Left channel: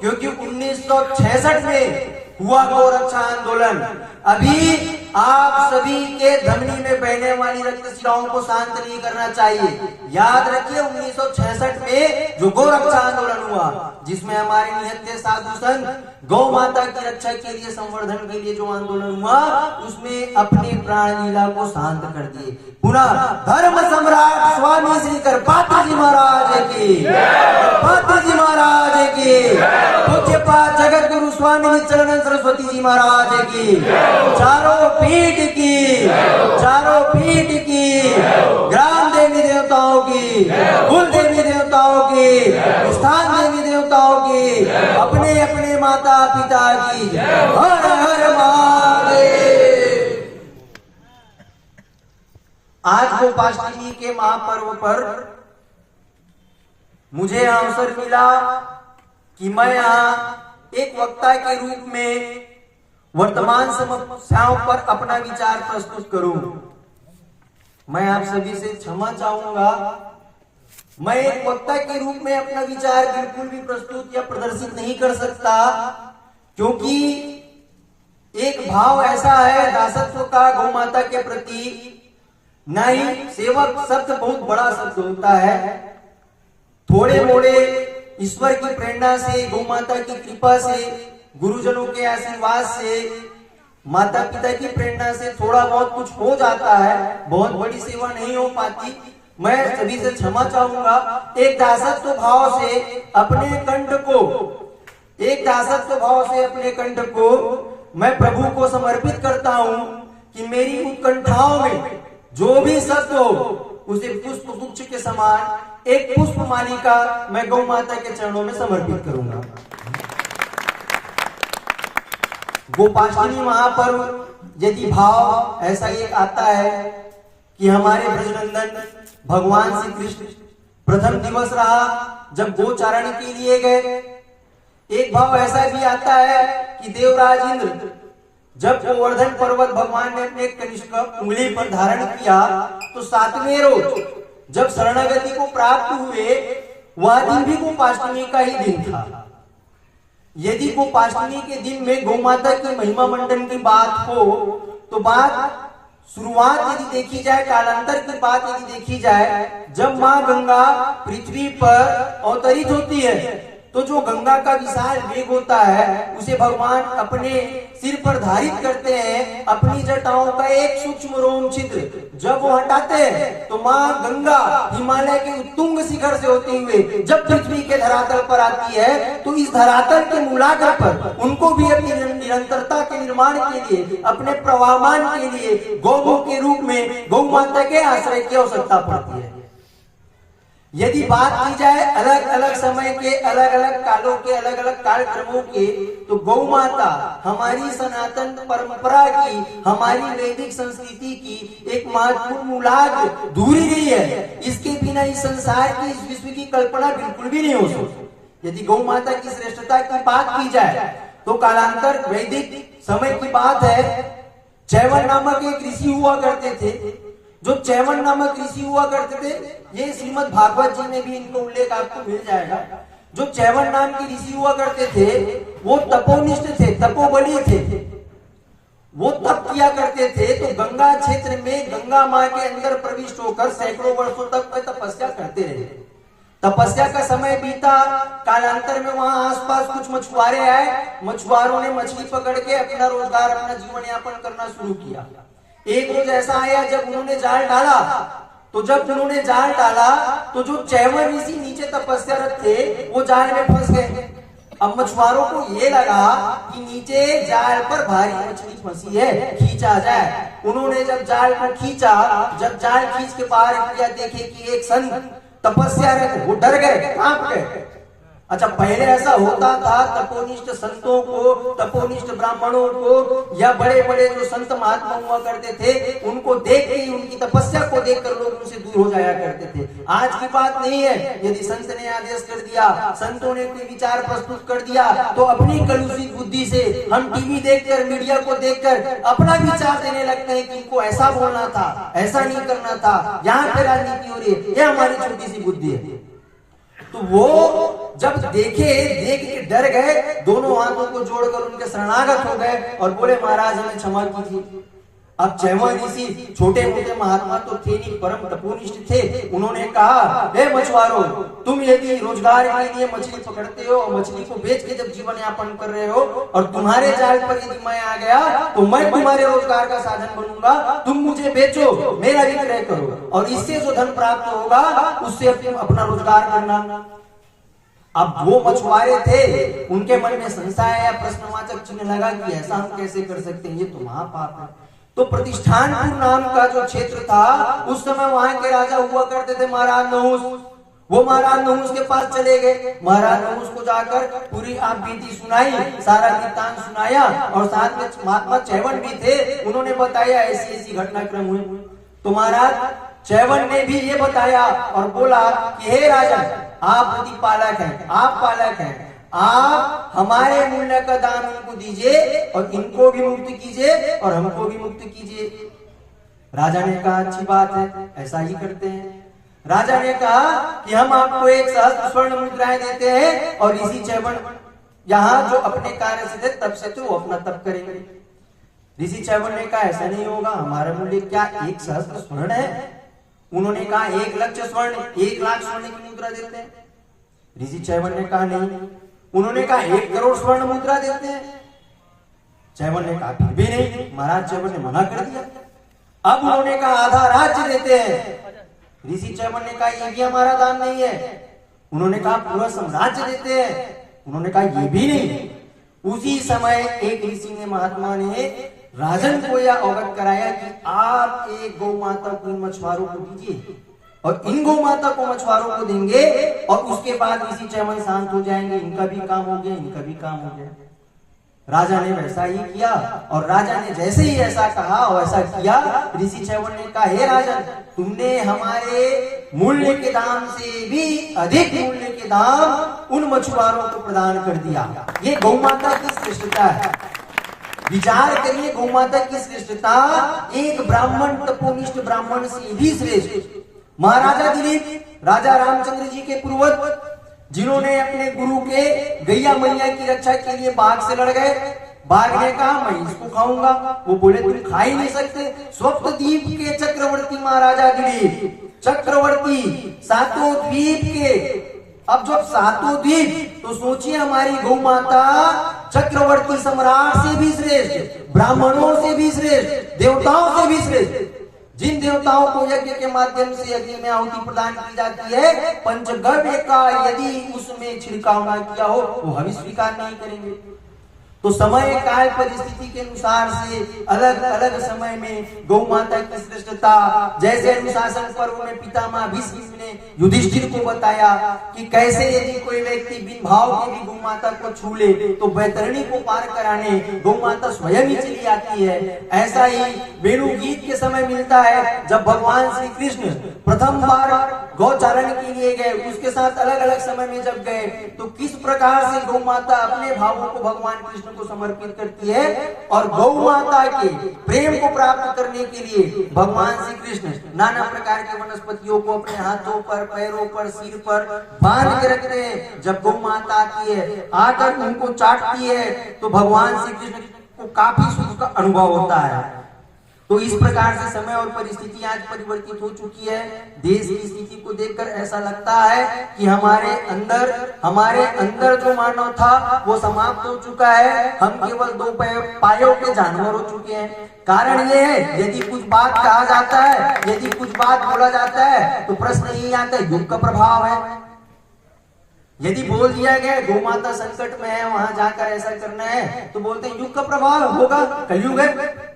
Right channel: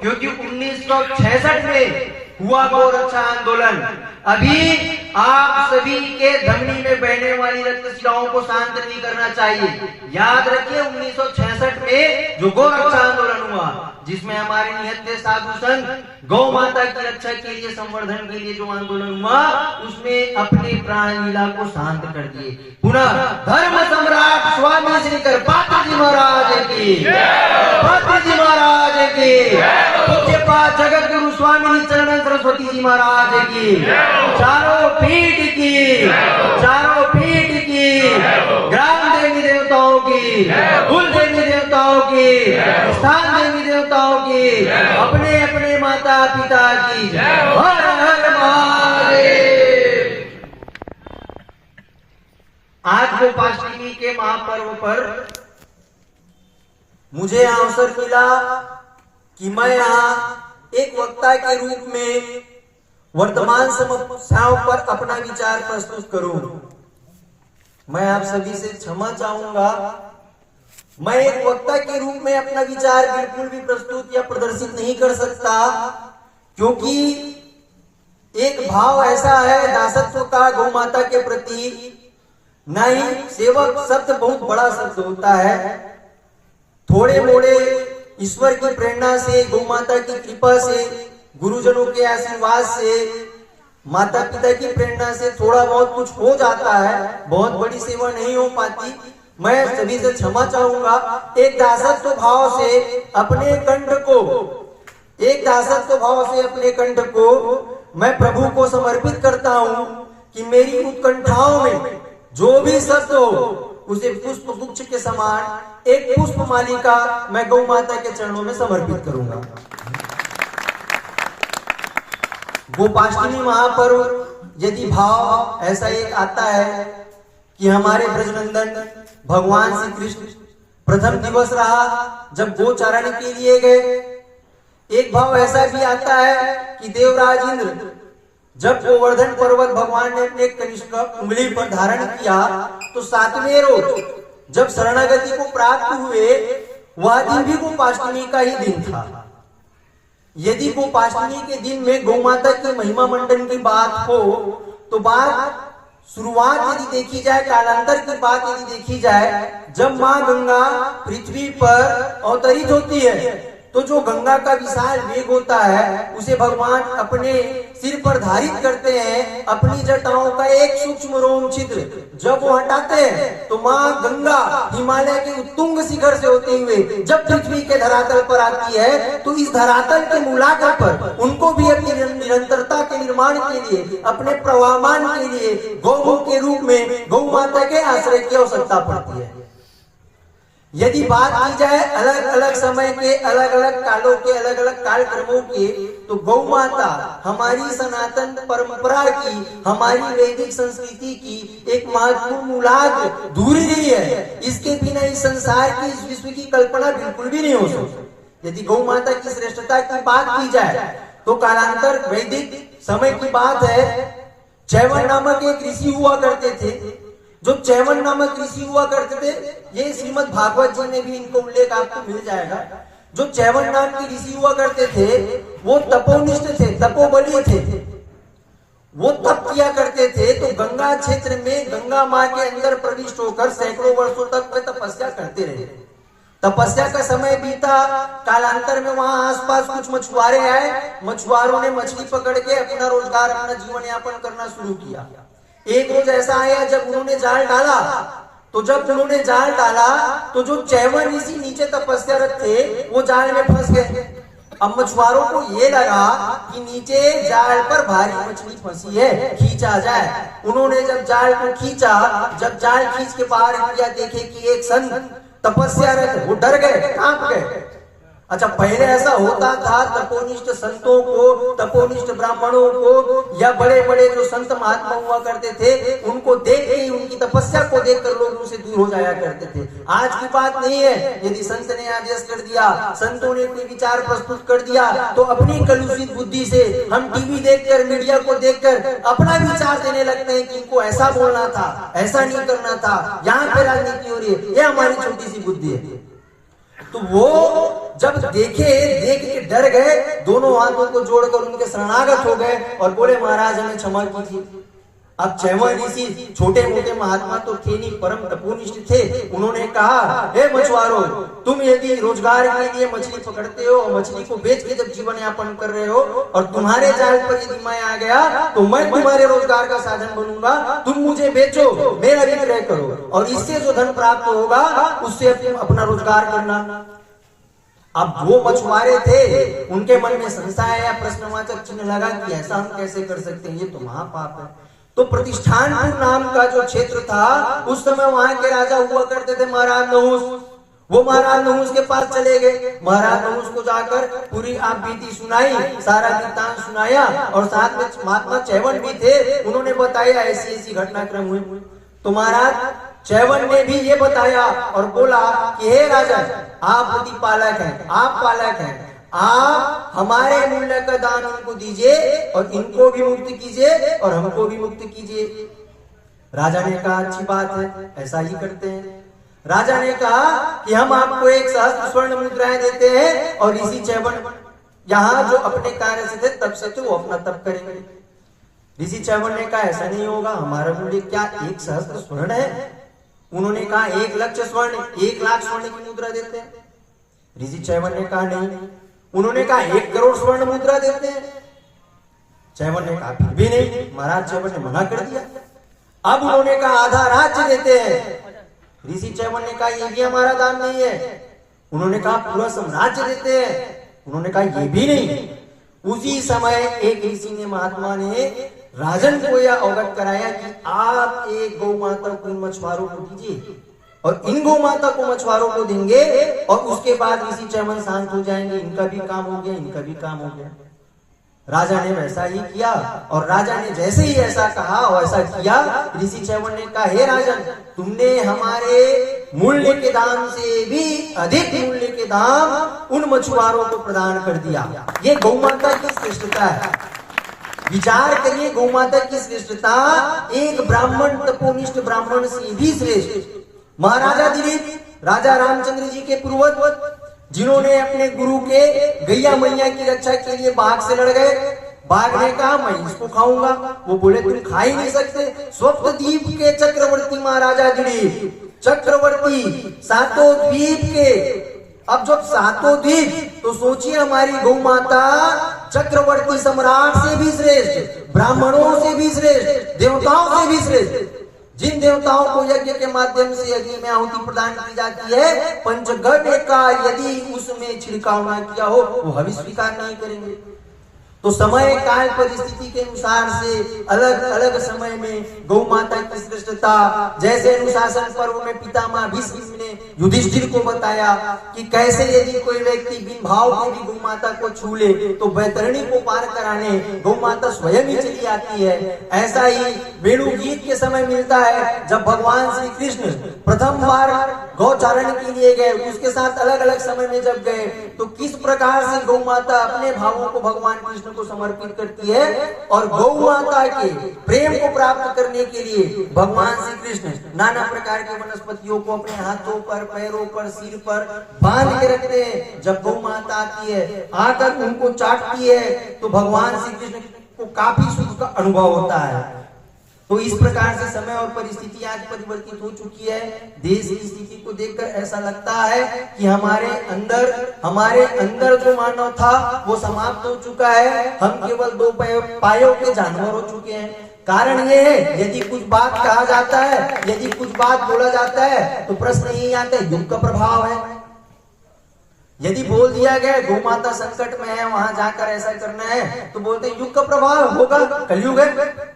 क्योंकि 1966 में हुआ गोरक्षा आंदोलन। अभी आप सभी के धमनी में बहने वाली रक्तशिराओं को शांत नहीं करना चाहिए। याद रखिए 1966 में जो गोरक्षा आंदोलन हुआ, जिसमें हमारे निहत्थे साधु संत गौ माता की रक्षा के लिए, संवर्धन के लिए जो आंदोलन हुआ, उसमें अपने प्राण लीला को शांत कर दिए। पुनः धर्म सम्राट स्वामी श्री करपात्र जी महाराज की, पात्र जी महाराज की, पूज्यपाद जगत गुरु स्वामी चरण सरस्वती जी महाराज की, चारों पीठ की, चारों पीठ की, ग्राम देवी देवताओं की, कुल देवी देवताओं की, स्थान देवी देवताओं की, अपने अपने माता पिता की, हर हर महादेव। आज गोपाष्टमी के महापर्व पर मुझे अवसर मिला कि मैं यहाँ एक वक्ता के रूप में वर्तमान समस्याओं पर अपना विचार प्रस्तुत करूं। मैं आप सभी से क्षमा चाहूंगा, मैं एक वक्ता के रूप में अपना विचार बिल्कुल भी प्रस्तुत या प्रदर्शित नहीं कर सकता, क्योंकि एक भाव ऐसा है दासत्व का गौ माता के प्रति। नहीं, सेवक शब्द बहुत बड़ा शब्द होता है। थोड़े मोड़े ईश्वर की प्रेरणा से, गौ माता की कृपा से, गुरुजनों के आशीर्वाद से, माता पिता की प्रेरणा से थोड़ा बहुत कुछ हो जाता है, बहुत बड़ी सेवा नहीं हो पाती। मैं सभी से क्षमा चाहूंगा। एक दासत्व भाव से अपने कंठ को, एक दासत्व भाव से अपने कंठ को मैं प्रभु को समर्पित करता हूं कि मेरी उत्कंठाओं में जो भी शब्द हो, उसे पुष्प गुच्छ के समान एक पुष्प मालिका मैं गौ माता के चरणों में समर्पित करूंगा। गोपाष्टमी महापर्व यदि भाव ऐसा एक आता है कि हमारे ब्रजनंदन भगवान श्री कृष्ण प्रथम दिवस रहा जब गोचारण के लिए गए। एक भाव ऐसा भी आता है कि देवराज इंद्र जब गोवर्धन पर्वत भगवान ने अपने कनिष्क उंगली पर धारण किया, तो 7वें रोज जब शरणागति को प्राप्त हुए, वह दिन भी गोपाष्टमी का ही दिन था। यदि गोपाष्टमी के दिन में गौ माता के महिमा मंडन की बात हो, तो बात शुरुआत यदि देखी जाए, कालांतर की बात यदि देखी जाए, जब माँ गंगा पृथ्वी पर अवतरित होती है, तो जो गंगा का विशाल वेग होता है, उसे भगवान अपने सिर पर धारित करते हैं। अपनी जटाओं का एक सूक्ष्म रोम छिद्र जब वो हटाते हैं, तो माँ गंगा हिमालय के उत्तुंग शिखर से होते हुए जब पृथ्वी के धरातल पर आती है, तो इस धरातल के मूलाधार पर उनको भी अपनी निरंतरता के निर्माण के लिए, अपने प्रवाहमान के लिए गौ के रूप में गौ माता के आश्रय की आवश्यकता पड़ती है। यदि बात की जाए अलग अलग समय के, अलग अलग कालों के, अलग अलग कार्यक्रमों के, तो गौ माता हमारी सनातन परंपरा की, हमारी वैदिक संस्कृति की एक महत्वपूर्ण मूलाधार दूरी नहीं है। इसके बिना इस संसार की, इस विश्व की कल्पना बिल्कुल भी नहीं हो सकती। यदि गौ माता की श्रेष्ठता की बात की जाए, तो कालांतर वैदिक समय की बात है। चैवन नामक एक ऋषि हुआ करते थे। जो चैवन नामक ऋषि हुआ करते थे, ये श्रीमद् भागवत जी में भी इनको उल्लेख आपको मिल जाएगा। जो चैवन नाम के ऋषि हुआ करते थे, वो तपोनिष्ठ थे, तपोबली थे। वो तप किया करते थे, तो गंगा क्षेत्र में गंगा माँ के अंदर प्रविष्ट होकर सैकड़ों वर्षों तक वे तपस्या करते रहे। तपस्या का समय बीता, कालांतर में वहां आसपास कुछ मछुआरे आए। मछुआरों ने मछली पकड़ के अपना रोजगार, अपना जीवन यापन करना शुरू किया। एक रोज ऐसा आया जब उन्होंने जाल डाला, तो जब उन्होंने जाल डाला, तो जो चैवन ऋषि नीचे तपस्यारत थे, वो जाल में फंस गए। अब मछुआरों को ये लगा कि नीचे जाल पर भारी मछली फंसी है, खींचा जाए। उन्होंने जब जाल को खींचा, जब जाल खींच के बाहर किया, देखे कि एक संत तपस्यारत, वो डर गए, कांप गए। अच्छा, पहले ऐसा होता था, तपोनिष्ठ संतों को, तपोनिष्ठ ब्राह्मणों को, या बड़े बड़े जो संत महात्मा हुआ करते थे, उनको देख के, उनकी तपस्या को देखकर लोग उनसे दूर हो जाया करते थे। आज की बात नहीं है। यदि संत ने आदेश कर दिया, संतों ने कोई विचार प्रस्तुत कर दिया, तो अपनी कलुषित बुद्धि से हम टीवी देखकर, मीडिया को देखकर अपना विचार देने लगते हैं कि इनको ऐसा बोलना था, ऐसा नहीं करना था, यहाँ पे राजनीति हो रही है, ये हमारी छोटी सी बुद्धि है। तो वो जब देख के डर गए, दोनों हाथों को जोड़कर उनके शरणागत हो गए और बोले महाराज हमें क्षमा कीजिए। अब चैवन ऋषि छोटे मोटे महात्मा तो थे नहीं, परम तपोनिष्ठ थे। उन्होंने कहा, हे मछुआरों, तुम यदि रोजगार के लिए मछली पकड़ते हो, मछली को बेच के जब जीवन यापन कर रहे हो, और तुम्हारे जाल पर यदि मैं आ गया तो मैं तुम्हारे रोजगार का साधन बनूंगा। तुम मुझे बेचो, मेरा विक्रय करो, और इससे जो धन प्राप्त होगा उससे तुम अपना रोजगार करना। अब वो मछुआरे थे, उनके मन में संशय या प्रश्नवाचक चिन्ह लगा कि ऐसा हम कैसे कर सकते हैं, ये तो महापाप है। तो प्रतिष्ठानपुर नाम का जो क्षेत्र था, उस समय वहां के राजा हुआ करते थे महाराज नहुस। वो महाराज नहुस के पास चले गए। महाराज नहुस को जाकर पूरी आप बीती सुनाई, सारा वृत्तांत सुनाया, और साथ में महात्मा चैवन भी थे, उन्होंने बताया ऐसी ऐसी घटनाक्रम हुई। तो महाराज चैवन ने भी ये बताया और बोला कि हे राजा, आप प्रतिपालक हैं, आप पालक हैं, आप हमारे मूल्य का दान उनको दीजिए और इनको भी मुक्त कीजिए और हमको भी मुक्त कीजिए। राजा ने कहा अच्छी बात है, ऐसा ही करते हैं। राजा ने कहा कि हम आपको 1 सहस्त्र स्वर्ण मुद्राएं देते हैं, और इसी चैवन यहाँ जो अपने कार्य से थे तब से थे, वो अपना तप करेंगे। ऋषि चैवन ने कहा ऐसा नहीं होगा, हमारा मूल्य क्या 1 सहस्त्र स्वर्ण है? उन्होंने कहा 1 लाख स्वर्ण, 1 लाख स्वर्ण की मुद्रा देते हैं। ऋषि चैवन ने कहा नहीं। उन्होंने कहा 1 करोड़ स्वर्ण मुद्रा देते हैं। चैवन ने कहा फिर भी नहीं। महाराज चैवन ने मना कर दिया। अब उन्होंने कहा आधा राज्य देते हैं। ऋषि चैवन ने कहा ये भी हमारा दान नहीं है। उन्होंने कहा पूरा साम्राज्य देते हैं। उन्होंने कहा ये भी नहीं। उसी समय एक ऋषि ने, महात्मा ने राजन को यह अवगत कराया कि आप एक गौ माता को इन मछुआरों को दीजिए, और इन गौ माता को मछुआरों को देंगे, और उसके बाद ऋषि चैवन शांत हो जाएंगे। इनका भी काम हो गया, इनका भी काम हो गया। राजा ने वैसा ही किया, और राजा ने जैसे ही ऐसा कहा वैसा किया। ऋषि चैवन ने कहा हे राजन, तुमने हमारे मूल्य के दाम से भी अधिक मूल्य के दाम उन मछुआरों को प्रदान कर दिया। ये गौ माता की श्रेष्ठता है। विचार करिए, गौ माता की श्रेष्ठता एक ब्राह्मण, तपोनिष्ठ ब्राह्मण से भी श्रेष्ठ। महाराजा दिलीप राजा रामचंद्र जी के पूर्वज, जिन्होंने अपने गुरु के गैया मैया की रक्षा के लिए बाघ से लड़ गए। बाघ ने कहा मैं इसको खाऊंगा, वो बोले तुम खा ही नहीं सकते। स्वप्नद्वीप के चक्रवर्ती महाराजा दिलीप, चक्रवर्ती 7 द्वीप के, अब जब 7 द्वीप, तो सोचिए हमारी गौ माता चक्रवर्ती सम्राट से भी श्रेष्ठ, ब्राह्मणों से भी श्रेष्ठ, देवताओं से भी श्रेष्ठ। जिन देवताओं को यज्ञ के माध्यम से यज्ञ में आहुति प्रदान की जाती है, पंचगव्य का यदि उसमें छिड़काव न किया हो, वो हवि स्वीकार नहीं करेंगे। तो समय काल परिस्थिति के अनुसार से अलग अलग समय में गौ माता की श्रेष्ठता, जैसे अनुशासन पर्व में पितामह भीष्म ने युधिष्ठिर को बताया कि कैसे यदि कोई व्यक्ति बिन भाव के भी गौ माता को छू ले तो बैतरणी को पार कराने गौ माता स्वयं ही चली आती है। ऐसा ही वेणु गीत के समय मिलता है, जब भगवान श्री कृष्ण प्रथम बार गौचारण के लिए गए, उसके साथ अलग अलग समय में जब गए, तो किस प्रकार से गौ माता अपने भावों को भगवान कृष्ण को समर्पित करती है, और गौ माता के प्रेम को प्राप्त करने के लिए भगवान श्री कृष्ण नाना प्रकार के वनस्पतियों को अपने हाथों पर, पैरों पर, सिर पर बांध के रखते हैं। जब गौ माता आती है, आकर उनको चाटती है, तो भगवान श्री कृष्ण को काफी सुख का अनुभव होता है। तो इस प्रकार से समय और परिस्थिति आज परिवर्तित हो चुकी है। देश की स्थिति को देखकर ऐसा लगता है कि हमारे अंदर जो मानव था वो समाप्त हो चुका है। हम केवल 2 पायों के जानवर हो चुके हैं। कारण ये है, यदि कुछ बात कहा जाता है, यदि कुछ बात बोला जाता है, तो प्रश्न यही आता है युग का प्रभाव है। यदि बोल दिया गया गौ माता संकट में है, वहां जाकर ऐसा करना है, तो बोलते हैं युग का प्रभाव होगा, कलयुग है।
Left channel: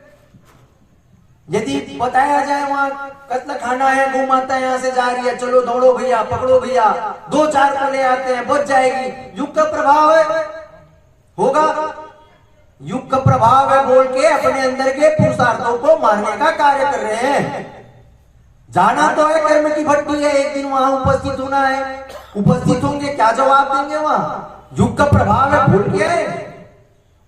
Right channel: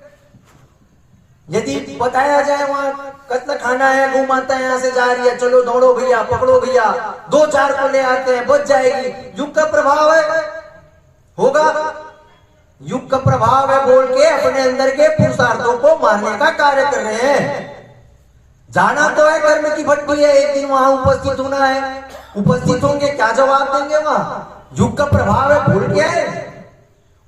यदि बताया जाए वहां कत्ल खाना है, गौ माता यहाँ से जा रही है, चलो दौड़ो भैया, पकड़ो भैया, 2-4 को ले आते हैं, बच जाएगी, युग का प्रभाव है, होगा। युग का प्रभाव है बोल के अपने अंदर के पुरुषार्थों को मारने का कार्य कर रहे हैं। जाना तो है, कर्म की भट्टी है, एक दिन वहां उपस्थित होना है। उपस्थित होंगे, क्या जवाब देंगे वहां? युग का प्रभाव है बोल के।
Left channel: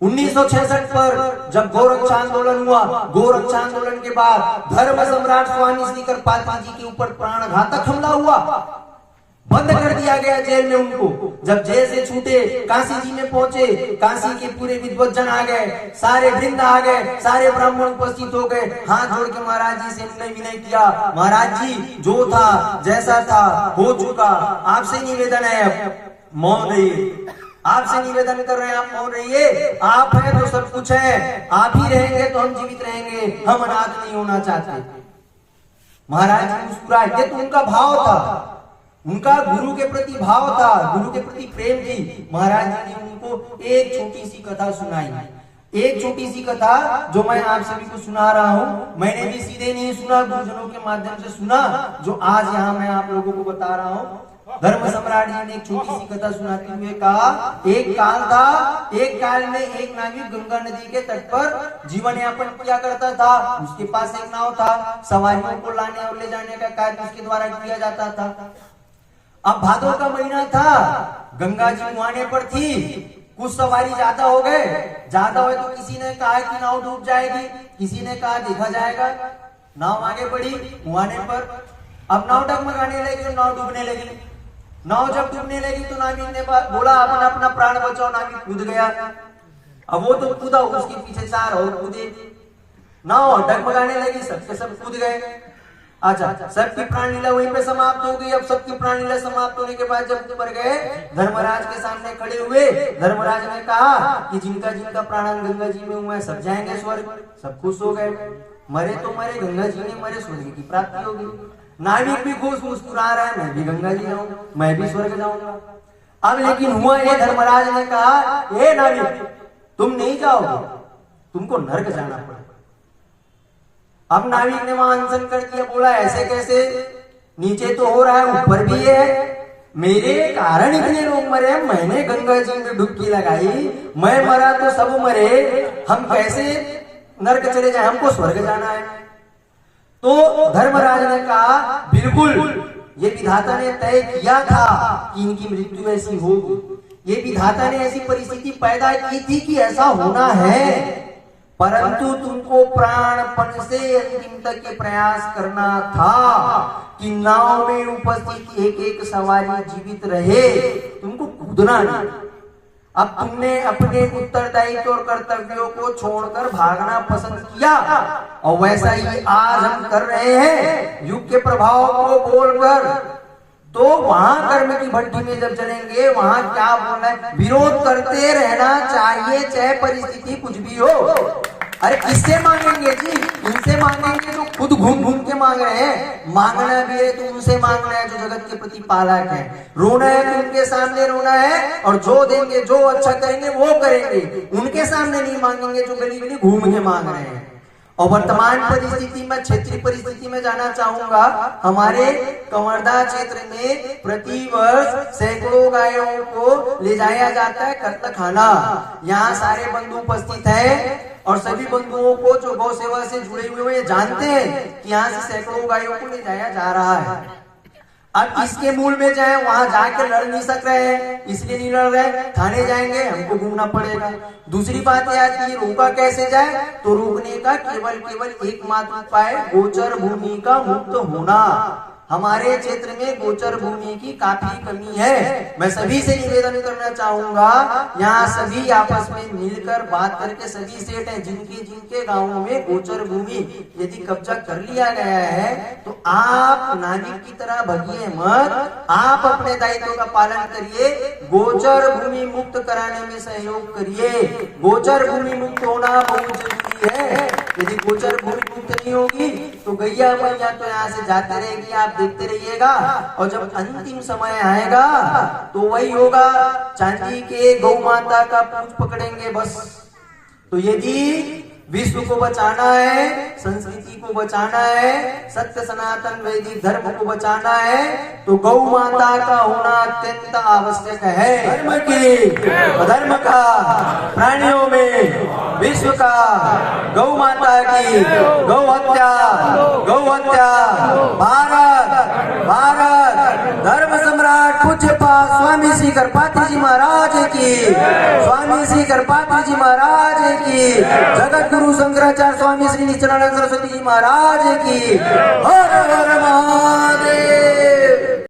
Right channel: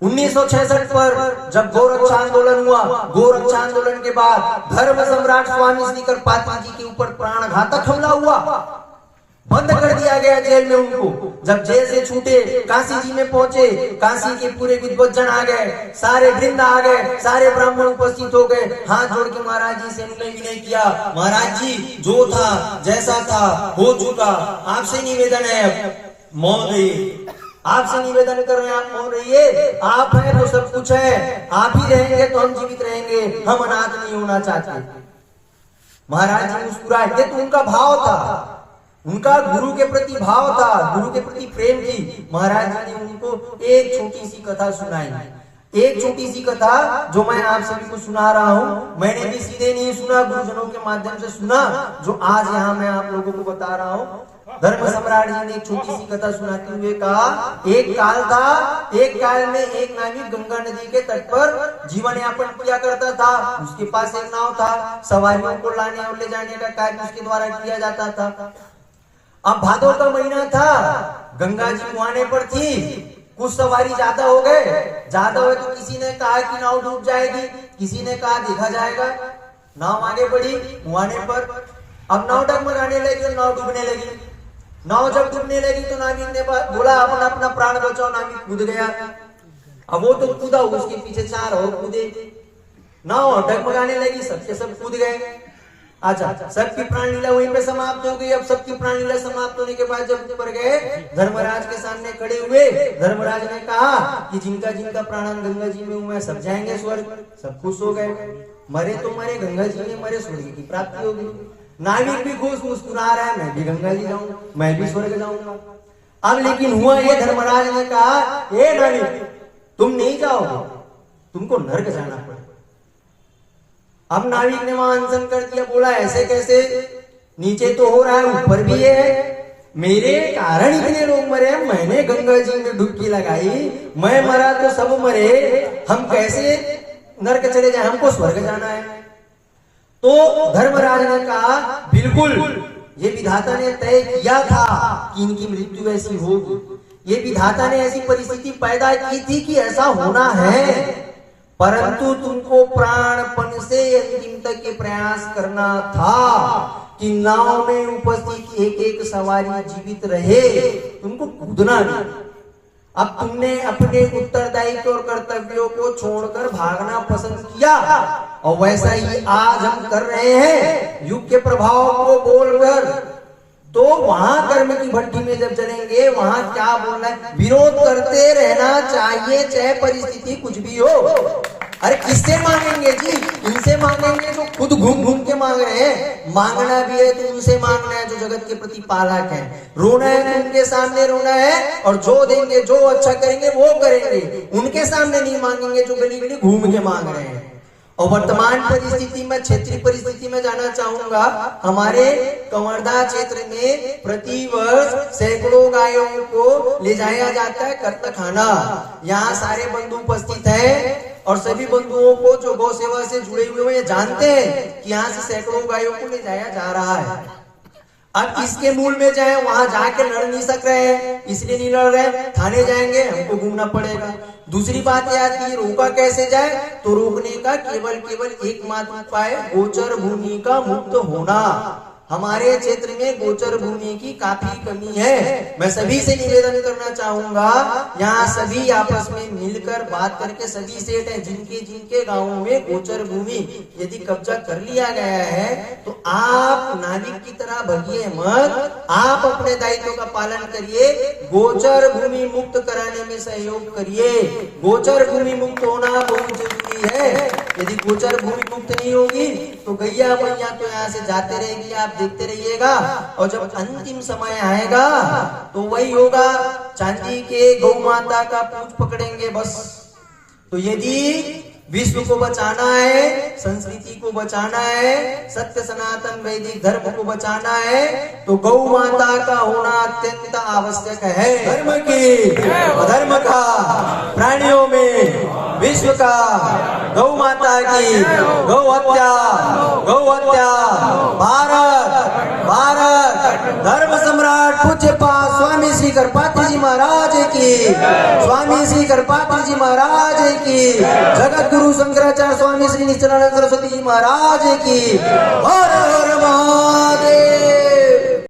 1966 पर जब गोरक्षा आंदोलन हुआ, गोरक्षा आंदोलन के बाद धर्म सम्राट स्वामी श्री करपात्री जी के ऊपर प्राणघातक हमला हुआ। बंद कर दिया गया जेल में उनको। जब जेल से छूटे, काशी जी में पहुंचे, काशी के पूरे विद्वज्जन आ गए, सारे वृंद आ गए, सारे ब्राह्मण उपस्थित हो गए, हाथ जोड़ के महाराज जी से उन्होंने विनय किया, महाराज जी जो था जैसा था हो चुका, आपसे निवेदन है अब मौन रहिए, आपसे निवेदन कर रहे हैं आप मौन रहिए, आप हैं तो सब कुछ है, आप ही रहेंगे तो हम जीवित रहेंगे, हम अनाथ नहीं होना चाहते। महाराज जी मुस्कुराए, ये तो उनका भाव था, उनका गुरु के प्रति भाव था, गुरु के प्रति प्रेम थी। महाराज जी ने उनको एक छोटी सी कथा सुनाई, एक छोटी सी कथा जो मैं आप सभी को सुना रहा हूँ। मैंने भी सीधे नहीं सुना, गुरुजनों के माध्यम से सुना, जो आज यहाँ मैं आप लोगों को बता रहा हूँ। धर्म सम्राट जी ने एक छोटी सी कथा सुनाते हुए कहा, एक काल था, एक काल में एक नाविक गंगा नदी के तट पर जीवन यापन किया करता था। उसके पास एक नाव था, सवारियों को लाने और ले जाने का कार्य उसके द्वारा किया जाता था। अब भादों का महीना था, गंगा जी मुहाने पर थी, कुछ सवारी ज्यादा हो गए, ज्यादा हुए तो किसी ने कहा कि नाव डूब जाएगी, किसी ने कहा देखा जाएगा। नाव आगे बढ़ी मुहाने पर, अब नाव डगमगाने लगी और नाव डूबने लगी। नाव जब डूबने लगी तो नाविक ने बोला अपना अपना प्राण बचाओ, नाविक कूद गया। अब वो तो कूदा, उसके पीछे चार और कूदे, नाव डगमगाने लगी, सबके सब कूद गए। अच्छा, सबकी प्राण लीला वहीं पे समाप्त हो गई। अब सबकी प्राण लीला समाप्त होने के बाद जब ऊपर गए, धर्मराज के सामने खड़े हुए, धर्मराज ने कहा कि जिनका जिनका प्राण गंगा जी में हुआ है सब जाएंगे स्वर्ग। सब खुश हो गए, मरे तो मरे, गंगा जी में मरे, स्वर्ग की प्राप्ति होगी। नाविक भी खुश मुस्कुरा रहा है, मैं भी गंगा जी जाऊंगा, मैं भी स्वर्ग जाऊंगा। अब लेकिन हुआ ये, धर्मराज ने कहा, ए नाविक तुम नहीं जाओगे, तुमको नर्क जाना पड़ेगा। अब नाविक ने वहां अनशन कर दिया, बोला ऐसे कैसे, नीचे तो हो रहा है ऊपर भी है, मेरे कारण इतने लोग मरे, मैंने गंगा जी में डुबकी लगाई, मैं मरा तो सब मरे, हम कैसे नर्क चले जाए, हमको स्वर्ग जाना है। तो धर्मराज ने कहा बिल्कुल, ये विधाता ने तय किया था कि इनकी मृत्यु ऐसी होगी, ये विधाता ने ऐसी परिस्थिति पैदा की थी कि ऐसा होना है, परंतु तुमको प्राणपण से अंतिम तक के प्रयास करना था कि नाव में उपस्थित एक एक सवारी जीवित रहे, तुमको कूदना नहीं। अब तुमने अपने उत्तरदायित्व और कर्तव्यों को छोड़कर भागना पसंद किया, और वैसा ही आज हम कर रहे हैं, युग के प्रभाव को बोलकर। तो वहां कर्म की भट्टी में जब चलेंगे, वहां क्या बोलना है, विरोध करते रहना चाहिए, चाहे परिस्थिति कुछ भी हो। अरे किससे मांगेंगे जी, इनसे मांगेंगे जो खुद घूम घूम के मांग रहे हैं। मांगना भी है तो उनसे मांगना है जो जगत के प्रति पालक है। रोना है तो उनके सामने रोना है, और जो देंगे, जो अच्छा करेंगे वो करेंगे, उनके सामने नहीं मांगेंगे जो गली गली घूम के मांग रहे हैं। और वर्तमान परिस्थिति में, क्षेत्रीय परिस्थिति में जाना चाहूंगा, हमारे कंवरदा क्षेत्र में प्रति वर्ष सैकड़ों गायों को ले जाया जाता है कत्तखाना। यहाँ सारे बंधु उपस्थित हैं, और सभी बंधुओं को जो गौ सेवा से जुड़े हुए हैं जानते हैं कि यहाँ से सैकड़ों गायों को ले जाया जा रहा है। अब इसके मूल में जाए, वहां जाके लड़ नहीं सक रहे हैं, इसलिए नहीं लड़ रहे, थाने जाएंगे, हमको घूमना पड़ेगा। दूसरी बात यह आती है, रोका कैसे जाए, तो रोकने का केवल एकमात्र उपाय गोचर भूमि का मुक्त होना। हमारे क्षेत्र में गोचर भूमि की काफी कमी है। मैं सभी से निवेदन करना चाहूंगा, यहाँ सभी आपस में मिलकर बात करके, सभी सेठ हैं जिनके जिनके गांवों में गोचर भूमि यदि कब्जा कर लिया गया है, तो आप नाविक की तरह भगिए मत, आप अपने दायित्व का पालन करिए, गोचर भूमि मुक्त कराने में सहयोग करिए। गोचर भूमि मुक्त होना बहुत जरूरी है। यदि गोचर भूमि मुक्त नहीं होगी तो गैया मैया तो यहाँ से जाते रहेगी, आप देखते रहिएगा, और जब अंतिम समय आएगा तो वही होगा, चांदी के गौ माता का पूंछ पकड़ेंगे बस। तो यदि विश्व को बचाना है, संस्कृति को बचाना है, सत्य सनातन वैदिक धर्म को बचाना है, तो गौ माता का होना अत्यंत आवश्यक है। धर्म की, अधर्म का, प्राणियों में, विश्व का, गौ माता की, गौ हत्या, भारत धर्म सम्राट पूज्यपाद स्वामी श्री करपात्री जी महाराज की, स्वामी श्री करपात्री जी महाराज की, जगत गुरु शंकराचार्य स्वामी श्री नित्यानंद सरस्वती जी महाराज की। हर हर महादेव।